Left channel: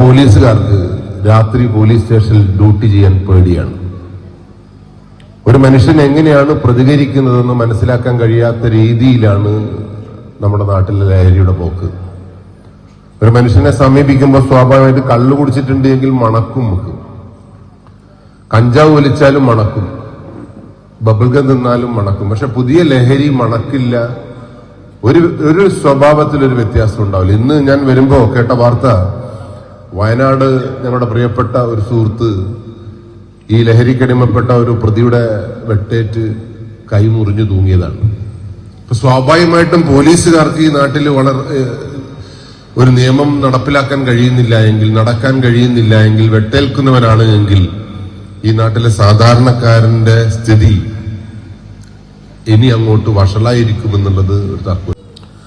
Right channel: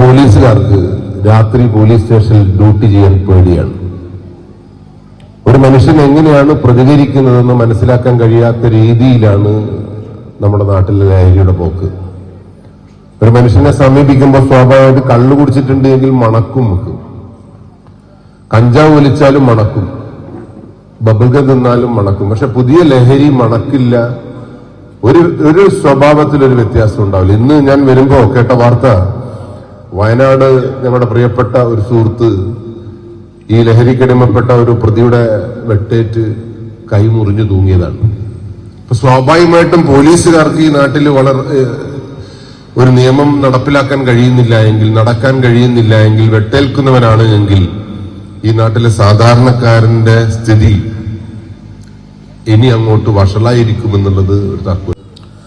പോലീസുകാർക്ക് രാത്രി പോലീസ് സ്റ്റേഷനിൽ ഡ്യൂട്ടി ചെയ്യാൻ പേടിയാണ്. ഒരു മനുഷ്യൻ എങ്ങനെയാണ് പ്രതികരിക്കുന്നതെന്ന് മനസ്സിലാക്കാൻ കഴിയാത്ത രീതിയിലാണ് നമ്മുടെ നാട്ടിലെ ലഹരിയുടെ പോക്ക്. ഒരു മനുഷ്യനെ സമീപിക്കുമ്പോൾ സ്വാഭാവികമായിട്ട് കള്ളു കുടിച്ചിട്ടുണ്ട് എങ്കിൽ മണക്കും നമുക്ക്, കഞ്ചാവ് വലിച്ചാലും മണക്കും, ബബിൾഗം തിന്നാലും മണക്കും. പക്ഷെ പുതിയ ലഹരി മണക്കില്ല. ഒരു സ്വഭാവത്തിലൊരു വ്യത്യാസം ഉണ്ടാവില്ല. ഇന്ന് ഞാൻ വരുമ്പോ കേട്ട വാർത്ത, വയനാട് ഞങ്ങളുടെ പ്രിയപ്പെട്ട ഒരു സുഹൃത്ത് ഈ ലഹരിക്കടിമപ്പെട്ട ഒരു പ്രതിയുടെ വെട്ടേറ്റ് കൈ മുറിഞ്ഞു തൂങ്ങിയതാണ്. അപ്പൊ സ്വാഭാവികമായിട്ടും പോലീസുകാർക്ക് ഈ നാട്ടിൽ ഒരു നിയമം നടപ്പിലാക്കാൻ കഴിയുന്നില്ല എങ്കിൽ, നടക്കാൻ കഴിയുന്നില്ല എങ്കിൽ, വെട്ടേൽക്കുന്നവനാണ് എങ്കിൽ ഈ നാട്ടിലെ സാധാരണക്കാരന്റെ സ്ഥിതി ഇനി അങ്ങോട്ട് വഷളായിരിക്കുമെന്നുള്ളത് ഒരു തർക്കം.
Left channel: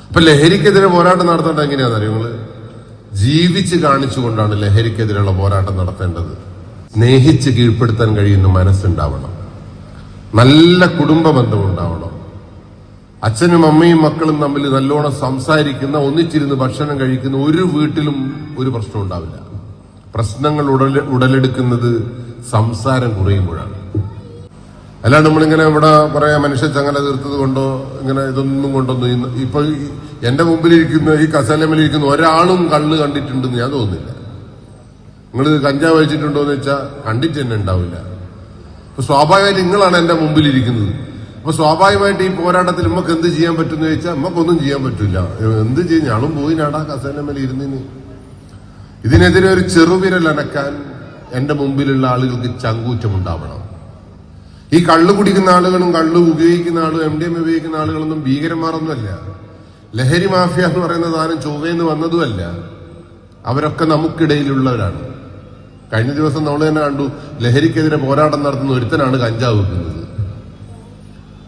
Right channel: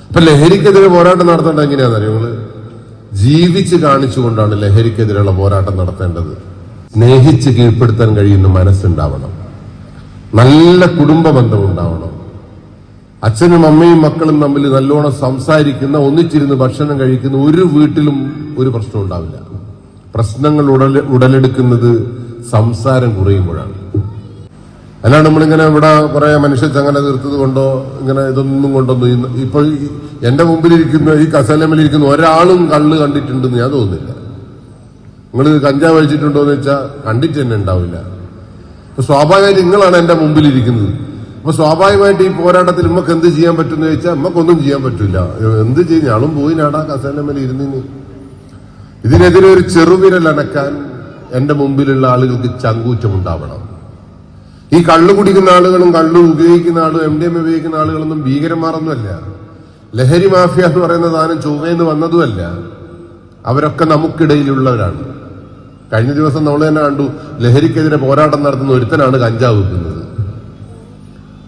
അപ്പൊ ലഹരിക്കെതിരെ പോരാട്ടം നടത്തേണ്ടത് എങ്ങനെയാണെന്ന് അറിയുന്നത്? ജീവിച്ച് കാണിച്ചുകൊണ്ടാണ് ലഹരിക്കെതിരെയുള്ള പോരാട്ടം നടത്തേണ്ടത്. സ്നേഹിച്ച് കീഴ്പ്പെടുത്താൻ കഴിയുന്ന മനസ്സുണ്ടാവണം, നല്ല കുടുംബ ബന്ധം ഉണ്ടാവണം, അച്ഛനും അമ്മയും മക്കളും തമ്മിൽ നല്ലോണം സംസാരിക്കുന്ന, ഒന്നിച്ചിരുന്ന് ഭക്ഷണം കഴിക്കുന്ന ഒരു വീട്ടിലും ഒരു പ്രശ്നം ഉണ്ടാവില്ല. പ്രശ്നങ്ങൾ ഉടലെടുക്കുന്നത് സംസാരം കുറയുമ്പോഴാണ്. അല്ലാണ്ട് നമ്മളിങ്ങനെ ഇവിടെ കുറെ മനുഷ്യ ചങ്ങല തീർത്തത് കൊണ്ടോ ഇങ്ങനെ ഇതൊന്നും കൊണ്ടൊന്നും ഇപ്പൊ എന്റെ മുമ്പിലിരിക്കുന്ന ഈ കസേലമേലിരിക്കുന്ന ഒരാളും കള്ള് കണ്ടിട്ടുണ്ടെന്ന് ഞാൻ തോന്നുന്നില്ല. നിങ്ങൾ കഞ്ചാവ് കഴിച്ചിട്ടുണ്ടോ എന്ന് വെച്ചാൽ കണ്ടിട്ട് തന്നെ ഉണ്ടാവില്ല. അപ്പൊ സ്വാഭാവികമായിട്ട് നിങ്ങളാണ് എന്റെ മുമ്പിലിരിക്കുന്നത്. അപ്പൊ സ്വാഭാവികമായിട്ട് ഈ പോരാട്ടത്തിൽ നമുക്ക് എന്ത് ചെയ്യാൻ പറ്റുമെന്ന് ചോദിച്ചാൽ നമുക്കൊന്നും ചെയ്യാൻ പറ്റില്ല. എന്ത് ചെയ്യും? ഞാളും പോയി നാടാ കസേലമേൽ ഇരുന്നിന്. ഇതിനെതിരെ ഒരു ചെറുവിരൽ അനക്കാൻ എന്റെ മുമ്പിലുള്ള ആളുകൾക്ക് ചങ്കൂറ്റം ഉണ്ടാവണം. ഈ കള്ളു കുടിക്കുന്ന ആളുകളും കള്ളു ഉപയോഗിക്കുന്ന ആളും MDMA ഉപയോഗിക്കുന്ന ആളുകളൊന്നും ഭീകരന്മാരൊന്നുമല്ല. ലഹരി മാഫിയ എന്ന് പറയുന്ന സാധനം ചൊവ്വയെന്ന് വന്നതുമല്ല. അവരൊക്കെ നമുക്കിടയിലുള്ളവരാണ്. കഴിഞ്ഞ ദിവസം നമ്മൾ തന്നെ കണ്ടു, ലഹരിക്കെതിരെ പോരാട്ടം നടത്തുന്ന ഒരുത്തനാണ് കഞ്ചാവ് വെക്കുന്നത്.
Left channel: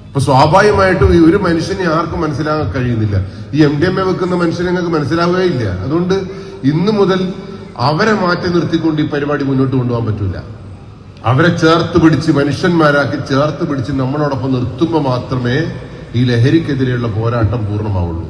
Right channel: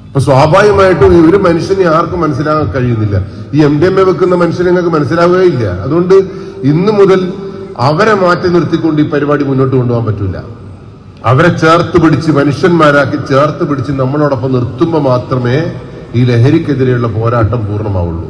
അപ്പൊ സ്വാഭാവികമായിട്ടും ഒരു മനുഷ്യനെ ആർക്കും മനസ്സിലാക്കാൻ കഴിയുന്നില്ല. ഈ MDMA വെക്കുന്ന മനുഷ്യനെ നിങ്ങൾക്ക് മനസ്സിലാവുകയില്ല. അതുകൊണ്ട് ഇന്നു മുതൽ അവരെ മാറ്റി നിർത്തിക്കൊണ്ട് ഈ പരിപാടി മുന്നോട്ട് കൊണ്ടുപോകാൻ പറ്റില്ല. അവരെ ചേർത്ത് പിടിച്ച്, മനുഷ്യന്മാരാക്കി ചേർത്ത് പിടിച്ച് നമ്മളോടൊപ്പം നിർത്തുമ്പോൾ മാത്രമേ ഈ ലഹരിക്കെതിരെയുള്ള പോരാട്ടം പൂർണ്ണമാവുള്ളൂ.